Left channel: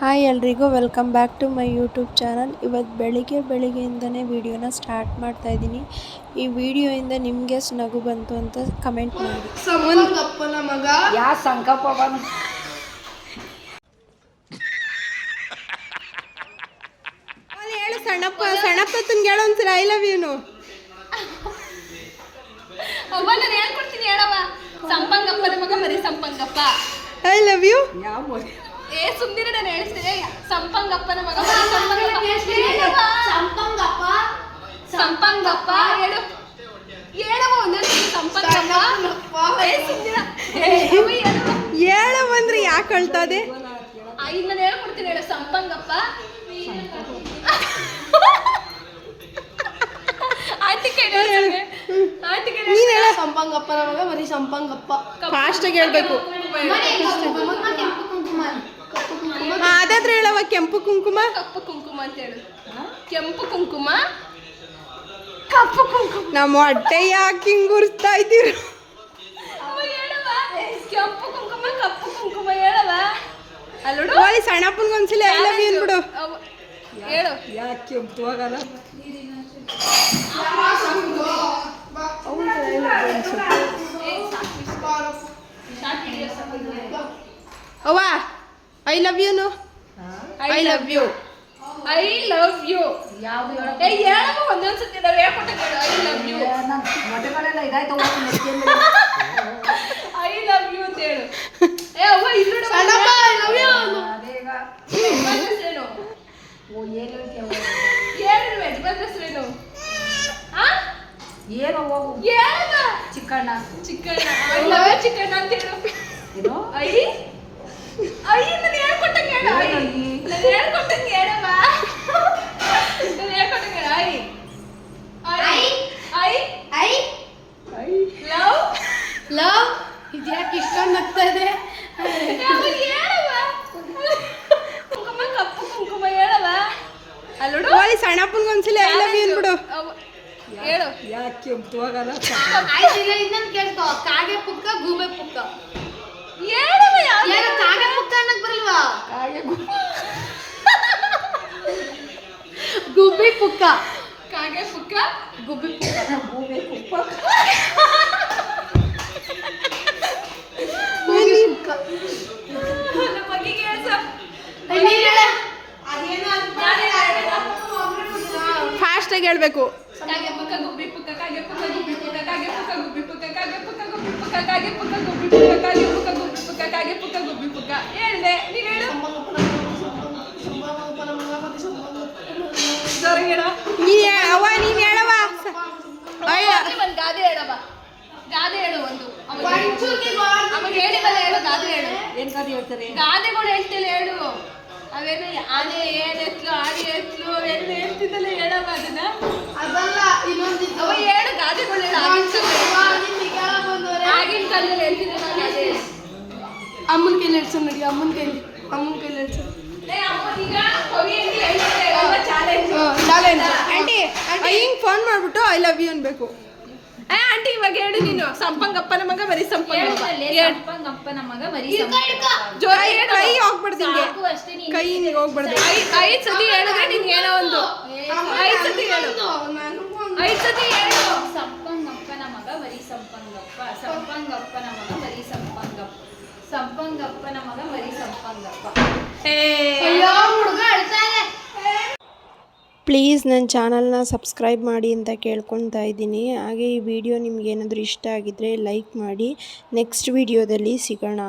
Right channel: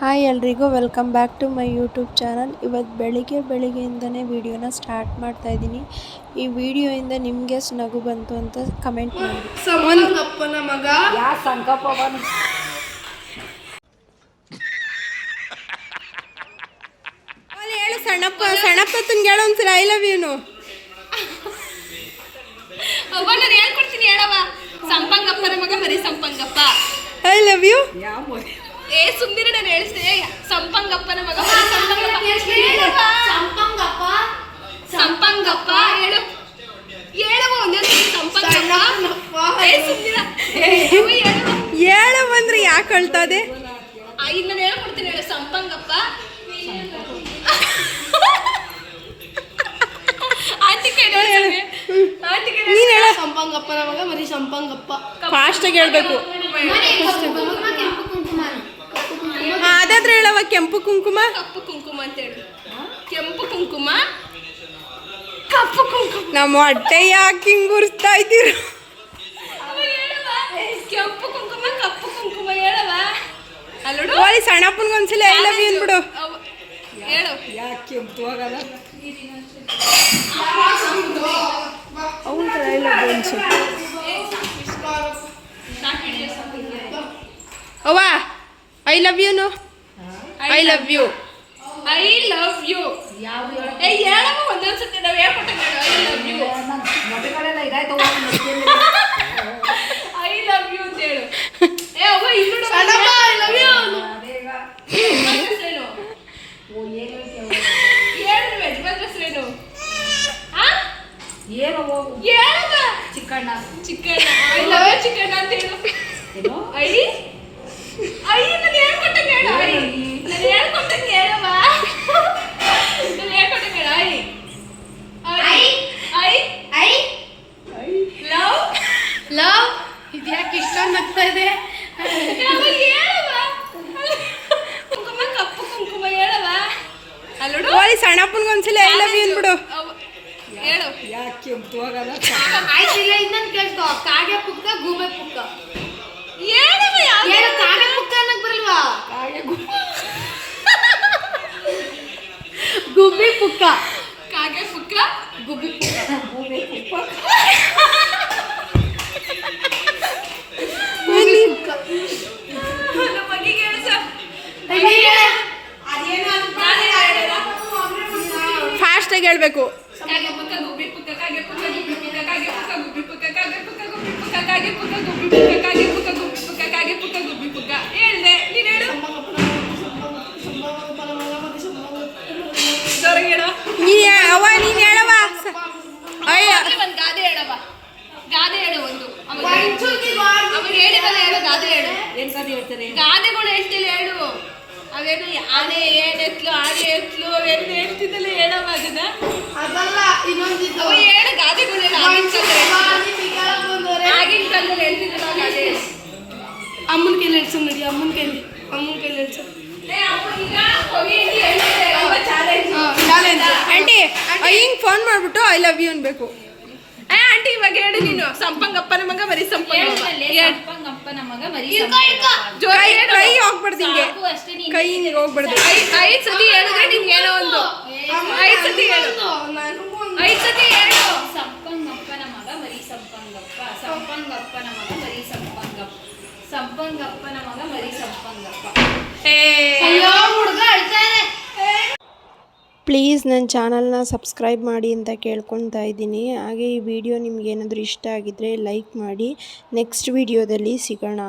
Hi ಎಲ್ರಿಗೂ welcome back to my YouTube channel. ಇವತ್ತು ಬೆಳಿಗ್ಗೆಯಿಂದನೇ ವೀಡಿಯೋನ ಸ್ಟಾರ್ಟ್ ಮಾಡ್ತಾ ಇದ್ದೀನಿ. ಈ ವಿಡಿಯೋಯಿಂದ ನಿಮಗೆ ನಗು ಬಂತು ಅಂತ ಕಮೆಂಟ್ ಮಾಡಿ. ಸಂಪಂಗಪ್ಪನ ಮಗ ಯಾ ಸಂಕಪ್ಪ ಬಂದು ಹೇಳು ಸಣ್ಣಪ್ಪತ್ತನ್ಗೆ ಹೇಳೋ ಒಂದ್ಸಲ ಐ ಲವ್ ಯುನು. ನಾನು ಹೇಳ್ಕೊಡ್ತೀನಿ ಹೇಳವ. ಸಂಪಂಗಪ್ಪನ ಮಗ ಮರಿ ಸಂಪಂಗಪ್ಪ. I love you. ಯಾವ ಸುಂದಿರ ನಾನು ಹೇಳ್ತೀನಿ. ಸಂಪಂಗಪ್ಪನ ಮಗ ಮರಿ ಸಂಪಂಗಪ್ಪ. ಸಂಪಂಗಪ್ಪ ಸಂಪಂಗಪ್ಪ ಹೇಳು ಹೇಳವ. ಒಂದೇ ಸಂಪಂಗಪ್ಪ ಹೇಳು ಬಂದ್ರೆ ಯಾಕೆ ಅಳ್ತದೆ? ನಾನು ಹೇಳ್ಕೊಡ್ತೀನಿ ಹೇಳು. ಸಂಪಂಗಪ್ಪ ನೀನ್ ಹೇಳ. ಸಂಪಂಗಪ್ಪನ ಮಗ ಮರಿ ಸಂಪಂಗಪ್ಪ. ಫಾಸ್ಟಾಗಿ ಹೇಳ್ಬೇಕು. ಅದಾದ್ರೆ ಹೇಳವ. ಕೆಂಪು ಕುಂಕುಮ ಕಪ್ಪು ಕುಂಕುಮ ಅಂತ ಹೇಳು. ಕೆಂಪು ಕುಂಕುಮ ಕಪ್ಪು ಕುಂಕುಮ. ನಮ್ಮ ಹೊಟ್ಟೆ ಯಾಕೆ ಹಿಂಗ್ ಉರಿಸ್ತಾ ಇದ್ದೀರ? ಕೆಂಪು ಕುಂಕುಮ ಕಪ್ಪು ಕುಂಕುಮ ಹೇಳವ. ಓಲಿ ಸಣ್ಣಪ್ಪನ್ಗೆ ಒಂದ್ಸಲ ಐ ಲವ್ ಯು ಅನ್ಬಿಡು. ಹೇಳು. ಯಾಕೆ ಕೆಂಪು ಆಗಲ್ಲ? ಅವ್ವ ಐ ಲವ್ ಯುನು. I love you. I love you ಯಾವ್ದು ಹೇಳಮ್ಮ ಒಂದೊಂದ್ಸತಿ ನಾವು ಹೇಳ್ಕೊಟ್ಟೆ. ಐ ಲವ್ ಯು ಮೊಟ್ಟೆಗಳೆಲ್ಲ ಇದಾಯ್ತು. ಐ ಲವ್ ಯು ಅಂತ ಹೇಳು. ಅವ್ವ ಇಲ್ಲಿ ಯಜಮಾನ್ರೇನು ಏನೋ ಹೋಗು. Chikkanna Chikkanna. I love you Chikkanna ಅಂತ ಹೇಳು. ಐ ಐ ನಾನು ಹೇಳ್ಕೊಟ್ಟಂಗೆ ಹೇಳು. ಐ ನಾನು ಹೇಳ್ಕೊಟ್ಟಂಗೆ ಹೇಳವ. ನಾನು ಹೇಳ್ಕೊಟ್ಟಂಗೆ ಹೇಳು. I I I I love love. ಇದ್ಯಾಕೆ ಇಷ್ಟೊಂದು ನಗ್ತಾ ಇದೆ? ಹೇಳವ. ಕುಂಕುಮ ಕಪ್ಪು ಕುಂಕುಮ ಹೇಳವ. ಅಲ್ಲೋಡು. ಓಲಿ ಸಣ್ಣಪ್ಪನ್ಗೆ ಒಂದ್ಸಲ ಐ ಲವ್ ಯು ಅನ್ಬಿಡು. ಹೇಳು. ಯಾಕೆ ಕೆಂಪು ಆಗಲ್ಲ? ಆಯ್ತಿಲ್ಲ ಇನ್ನೊಂದು ಕೇಳ್ಕೊ. ಕಾಗೆ ಪುಕ್ಕ ಗೂಬೆ ಪುಕ್ಕ ಹೇಳವ. ಏನು ಕಾಗೆ ಪುಕ್ಕ ಅನ್ನಕ್ ಬರಲ್ವಾ? ಕಾಗೆ ಗುಬ್ಬಿ ಪುಕ್ಕ. ಕಾಗೆ ಪುಕ್ಕ ಗುಬ್ಬಿ ಪುಕ್ಕ. ಗೂಬೆ ಕುಪ್ಪ. ಮಗಿಗೆ ಫಾಸ್ಟಾಗಿ ಹೇಳ್ಬೇಕು. ಕಾಗೆ ಪುಕ್ಕ ಗುಬ್ಬಿ ಪುಕ್ಕ ಕಾಗೆ ಪುಕ್ಕ ಗುಬ್ಬಿ ಪುಕ್ಕ ಕಾಗೆ ಪುಕ್ಕ ಗುಬ್ಬಿ ಪುಕ್ಕ ಕಾಗೆ ಪುಕ್ಕ ಗುಬ್ಬಿ ಪುಕ್ಕ ಕಾಗೆ ಪುಕ್ಕ ಗುಬ್ಬಿ ಪುಕ್ಕ ಕಾಗೆ ಪುಕ್ಕ ಗುಬ್ಬಿ ಪುಕ್ಕ ಕಾಗೆ ಪುಕ್ಕ ಗುಬ್ಬಿ ಪುಕ್ಕ ಹೇಳ್ದೆ. ನೀನು ಹೇಳು. ಅವ್ವ ನೀನ್ ಹೇಳವ. ಅಯ್ಯ ಒಂದು ಗಾದೆ ಹೇಳವ. ಗಾದೆ ಹೇಳು ಒಂದು. ಅವಾಗ ಹೇಳಿದಲ್ಲ ಹೇಳು. ಗಾದೆ ಹೇಳು. ಏನ್ ಕಾದಿ ಹೇಳ್ತಾರೆ? ಗಾದೆಗಳು ಹೇಳ್ತಿಲ್ಲ ಹೇಳು. ಅವೇನು ಆನೆ ಏನೆತ್ಲು ಆನೆ ಎತ್ಲು ಅವೇನು ಹೇಳ್ತಿದ್ದಲ್ಲ ಹೇಳವ. ಅದನ್ನ ಅವ ಹೇಳು. ಗಾದೆಗಳು ಹೇಳು. ಆಗಿನ ಕಾಲದಲ್ಲಿ ಹೇಳ್ತಿದ್ದಲ್ಲ ಗಾದೆ. ಅಮ್ಮನ ಕೈಲಿ ಹೇಳ್ಸು ನೋಡಿ. ಅಮ್ಮನ ಕೈಲಿ ಹೇಳ್ಸು. ಆಂಟಿ ಹಿಂಗ್ ಫೋನ್ ಮಾಡ್ಬಿಟ್ಟು ಐ ಲವ್ ಯು ಅನ್ಬೇಕು. ಆಂಟಿ ಇವಾಗ ಹೇಳಿ ನೀನು. ಸಂಪಂಗಪ್ಪನ ಮಗ ಮರಿ ಸಂಪಂಗಪ್ಪನ ಮಗ ಮರಿ ಕೈ ಹೋಗ್ಬಾರ್ದು ಹಿಂಗೆ. ಕೈ ಹಿಂಗೆ ಹೋಗ್ಬಾರ್ದು. ಐದು ಸತಿ ಹೇಳಿದ್ರೆ ನಿಂಗೆ ಏನೋ ಒಂದು. ಐದು ಸತಿ ಹೇಳು. ಐದು ಸತಿ ಹೇಳು. ಸಂಪಂಗಪ್ಪನ ಮಗ ಮರಿ ಸಂಪಂಗಪ್ಪ. ಸಂಪಂಗಪ್ಪನ ಮಗ ಮರಿ ಸಂಪಂಗಪ್ಪ. ಸಂಪಂಗಪ್ಪನ ಮಗ ಮರಿ ಸಂಪಂಗಪ್ಪ. ಅಯ್ಯೋ ಹುಡುಗ ಅಳ್ತಾ ಇದೆ. ಪ್ಲೀಸ್ ನನ್ನ ಚಾನಲ್ನ ಸಬ್ಸ್ಕ್ರೈಬ್ ಮಾಡಿ ಅಂತ ಕೇಳ್ಕೊತಾ ಇದ್ದೀನಿ. ಹಾಗೆ ಈ ವಿಡಿಯೋ ನಿಮ್ಗೆ ಏನಾದರೂ ಇಷ್ಟ ಆಗಿದ್ದರೆ ಲೈಕ್ ಮಾಡಿ. ನೆಕ್ಸ್ಟ್ ವಿಡಿಯೋದಲ್ಲಿ ಸಿಗೋಣ.